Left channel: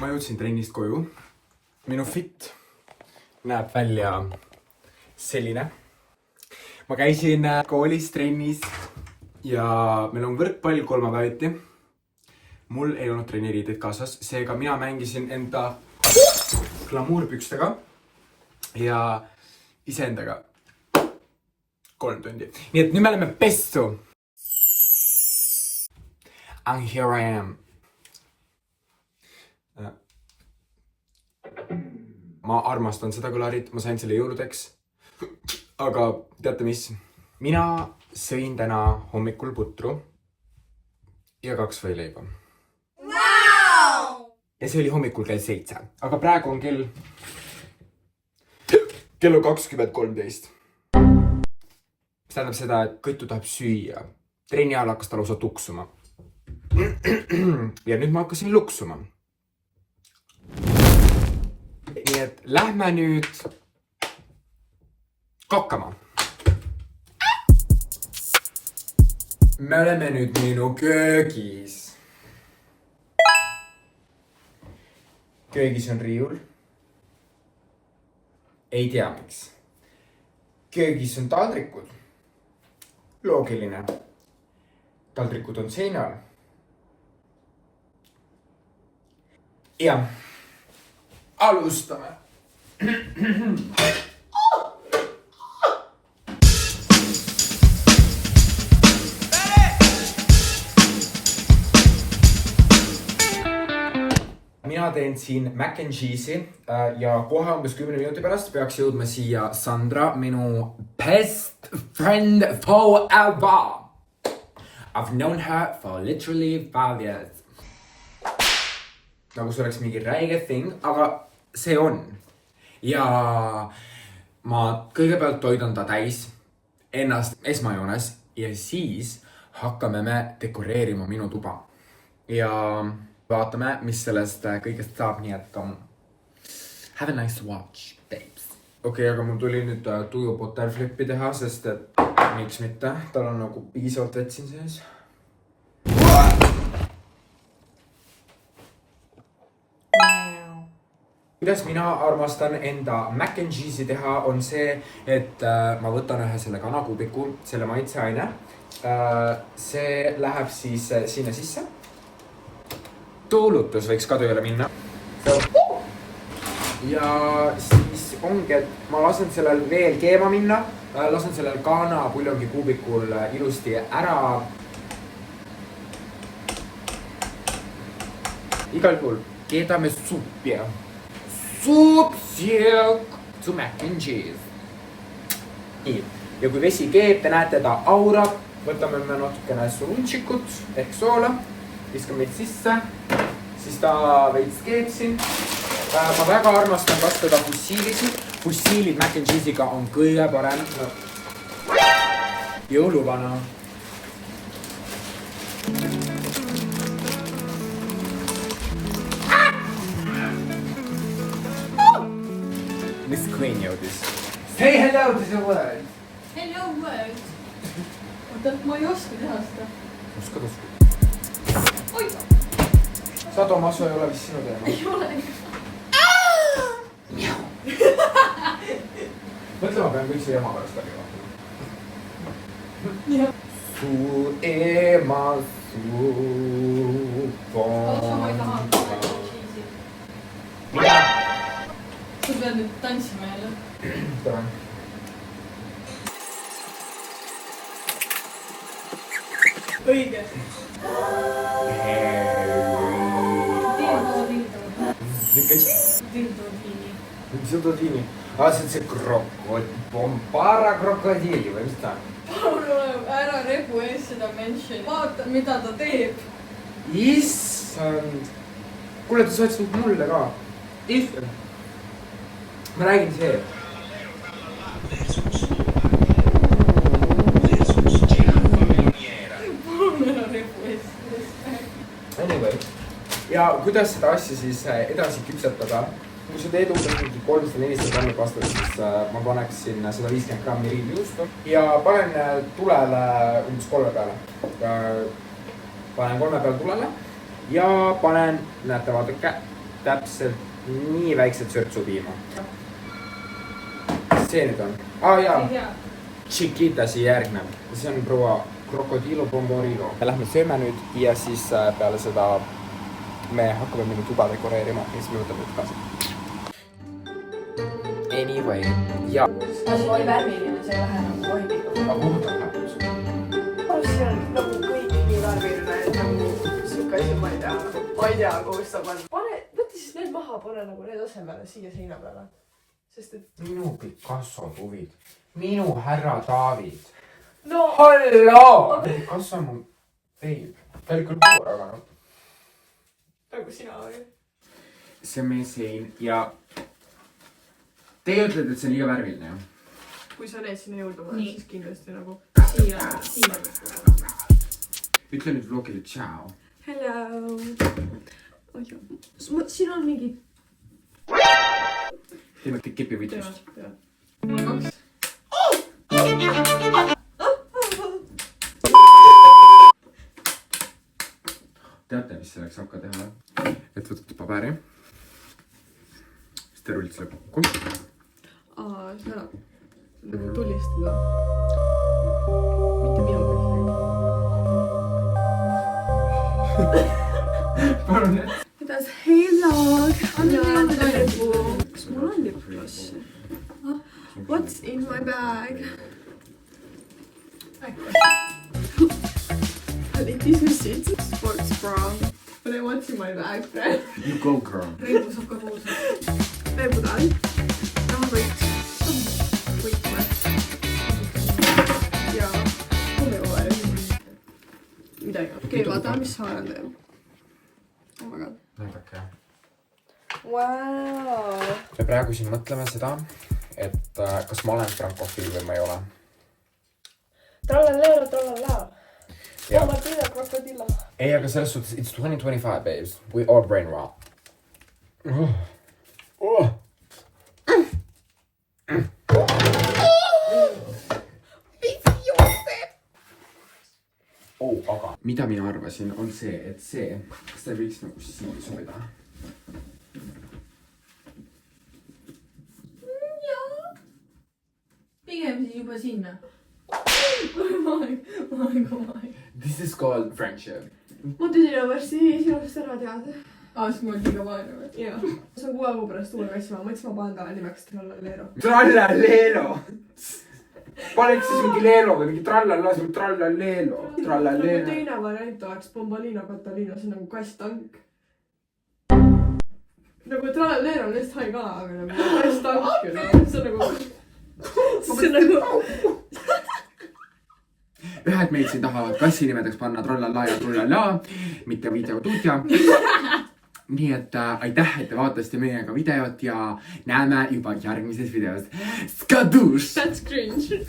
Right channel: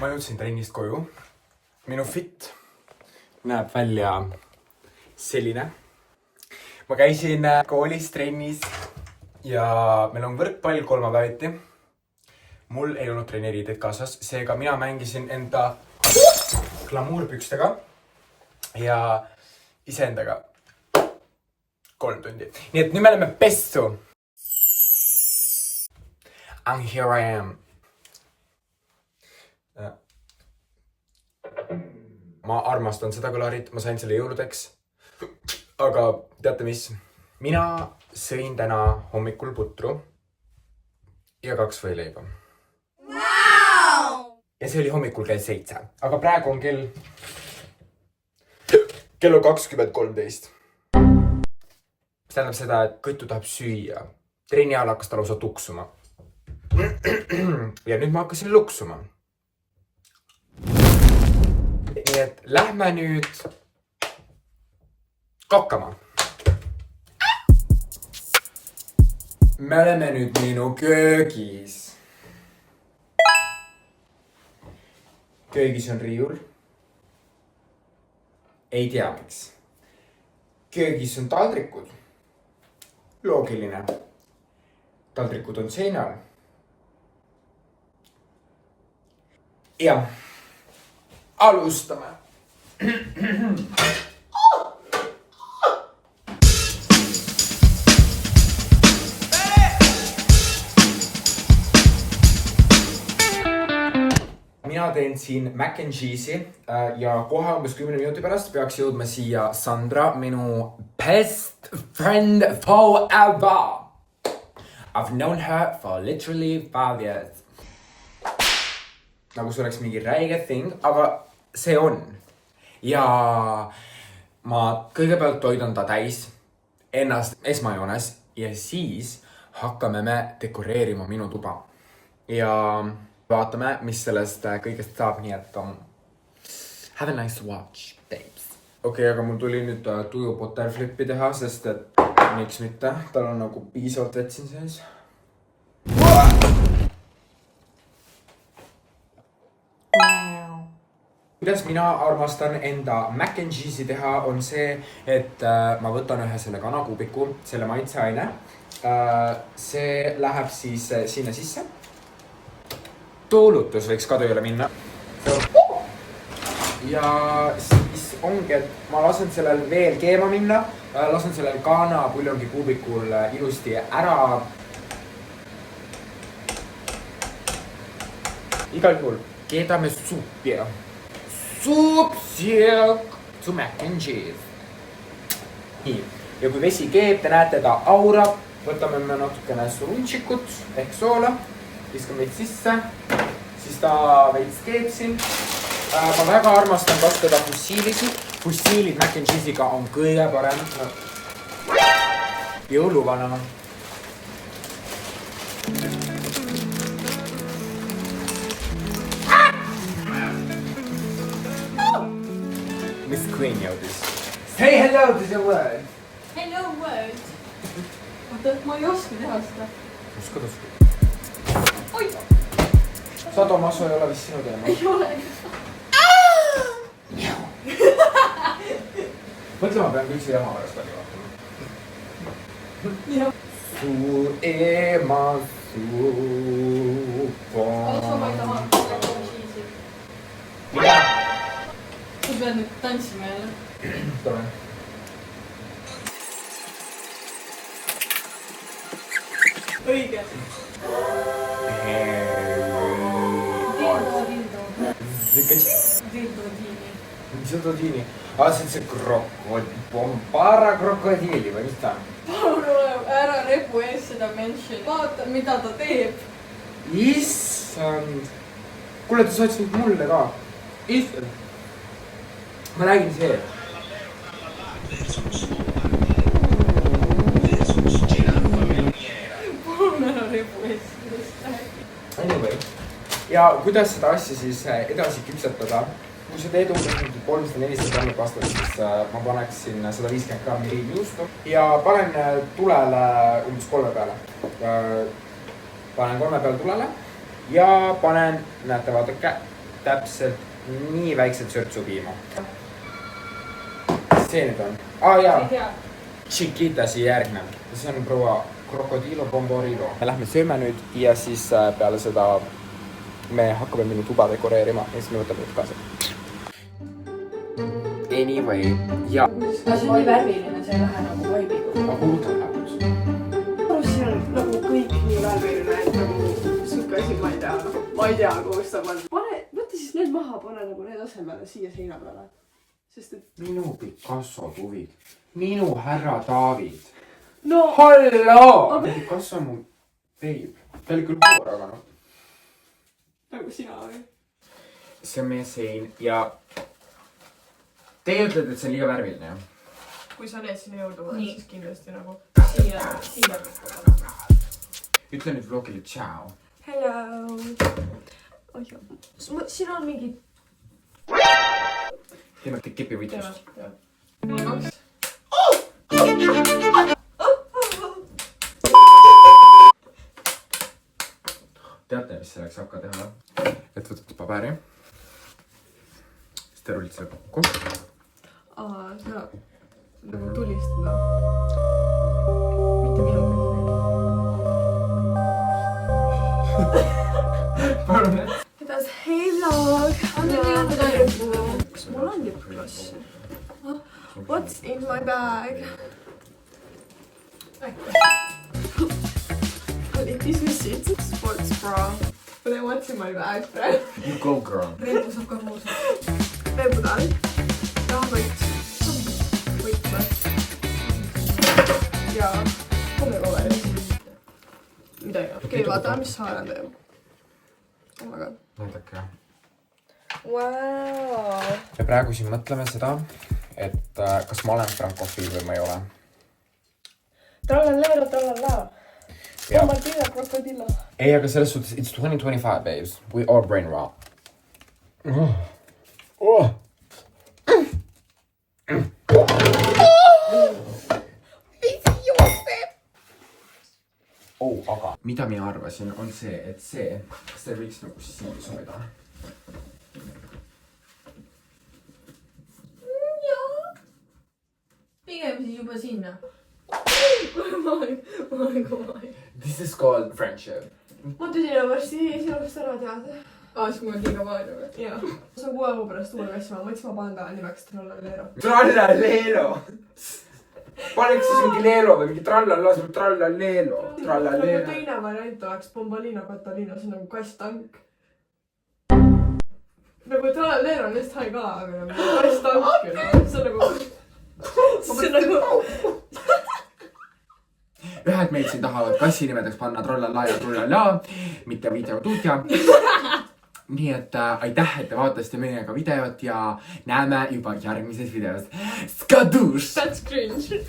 Ma jõudsin trennist koju. Minu fit näeb välja selline. Ma käisin koolis trennis ja meil on võrkpall kolmapäeviti. Mul ei olnud trenniriideid kaasas, seega mina mängisin enda glamuurpükstega ja iseendaga 3 tundi. Nii et nüüd me oleme pessu. And here I am. Ma armastan seda kõlarit, ma sain selle jõuludeks. Aga teate mis? Mina sõin täna hommikul putru ja 2 võileiba. Wow! Ja see oli hommikul kell 7, aga praegu on kell 20:13. See tähendab seda, et Kõtu tahab süüa. Trenni ajal hakkas ta lausa tuksuma. Ja nüüd ma hakkasin luksuma. Nii et lähme nüüd kokkama. Me oleme nüüd minu köögis. Köögis on riiul. Ei tea miks. Köögis on taldrikud. Loogiline. Taldrikud on seinal. Ja alustame. Mina teen siin mac and cheese'i ja kohe umbes 10 minuti pärast peaks jõudma siia Sandra, minu best friend forever. I've known her for literally 5 years. Nagu see oleks mingi räige thing, aga see on. Ja ma kõigepealt toidan ta täis ennast esmajoones ja siis hakkame me dekoreerima minu tuba. Ja vaatame, mis sellest kõigest saab, nii et have a nice watch, babes. Okei, aga mul tuli nüüd tuju butterflippi teha, sest et miks mitte, tal on nagu piisavalt vett siin sees. Kuidas mina armastan enda mac and cheese'i teha, on see, et ma võtan ühe selle kanakuubiku, selle maitseaine. See läheb siis sinna sisse. Tuulutus võiks ka tööle minna. Ja siis ongi, et ma lasen sellel veel keema minna. Lasen sellel kanapuljongi kuubikul ilusti ära. Igal juhul keedame suppi. Soup, silk to mac and cheese. Nii, ja kui vesi keeb, te näete ta aurab, võtame me natukene surunčikut ehk soola, viskame veits sisse, siis ta veits keeb siin. Ma väga armastan kasutada fussiilisi. Fussiilid mac and cheese'iga on kõige parem. Jõuluvana. Miss Queen jõudis. Say hello to the world. Hello world. Ma ei oska teha seda. Oskad. Oi! Sado Maso ei ole vist sinu teema. Ei ole. Mõtle, ma pean kõik see ema pärast välja Jah. Su ema suupa. Sa pead nüüd tantsima jälle. Tule. Õige. Dildodini. See Pompara krokodiili või mis ta? Palun ole, ära rebu ees seda mention. Vaata, mida ta teeb. Issand. Kuule, ta soots nüüd mulle ka. Issand. Ma räägin see. Palun ära rebu ees. Anyway. Ja kuidas seda asja siis edasi küpsetada? Kui sa teed umbes 300-400 grammi pastat, siis ma paneksin 150 grammi riivijuustu ja panen tulele umbes 3 peale. Panen 3 peale tulele ja panen, näete, vaadake, täpselt nii väiksed sörtsupiima. See nüüd on. Jaa. Chiquitasi järgnev. See on proua Crocodilo Bomborilo. Me lähme sööme nüüd ja siis peale seda me hakkame minu tuba dekoreerima ja siis me võtame nüüd kaasa. Anyway, ja. See on nii värviline, see ei lähe nagu vaibiga. Aga kuhu ta läheb? See on nagu kõik nii värviline, et nagu siuke asi, ma ei tea, kus ta on. Võta siis need maha, pane nagu need asemele siia seina peale. Sest et... Minu Picasso tuvid. Minu härra David. No! Halloo! Picasso on mu babe. Ta oli küll poor, aga noh. Nagu sina või? See on meie sein ja teie ütlete, et see on liiga värviline, jah? Kui sa need sinna jõudu paned, siis kindlasti nagu... Siia. Ütle nüüd vlogile tšau. Hello! Siin on mingi... Teeme kepi võitlust. Teate, mis selleks hakka teha? Et võtate paberi. Siis te rullite selle kokku. Sa tulistada. Mitte minu Palun, et? Kuidas helad? Kas mul on lipgloss? What's in my bag? I think this is suits a sports bra. But I want in my bag then. You go, girl. Reibu saab ka kuulsa. Reibu tahan. Raamõit. Võitme. Ja kommiroole. Midagi. Okei, vaata, mis Saaren teeb. Oh my god. Näidake, jah. Wow. Me praegu siin mõtleme seda, et kas ma olen frankofiil või ma ei ole. Trallallero. Tomatillo, krokodillo. Ei, aga selles suhtes, it's 2025, babes. We all brain rot. Aga mida mina arvasin, on see, et kas te võiks nagu siin sobida? Jaa. Pigem siis juba sinna. This is called friendship. Ma tüdina varsti sinust ära teada. Siis mul on liiga palju või? Jaa. See on 6 aegu pärast uue kassima. Ma mõtlesin, ma panen ta nimeks Trallallero. Trallallelo! Paneks siis mingi leelo või mingi trallalla, see on trallallelo. Nagu teine variant oleks Bombolino Catalino, see on nagu kasstank. Nagu Trallallero on just hai kala, aga nagu kasstank. See on nagu... Ühed meid siin tahavad kassi nimedeks panna trallalla ja trullalla, mitte videotudja. Nii et aitäh, et te vaatasite meiega videot ja näeme juba järgmises videos. Skaduš! That's cringe.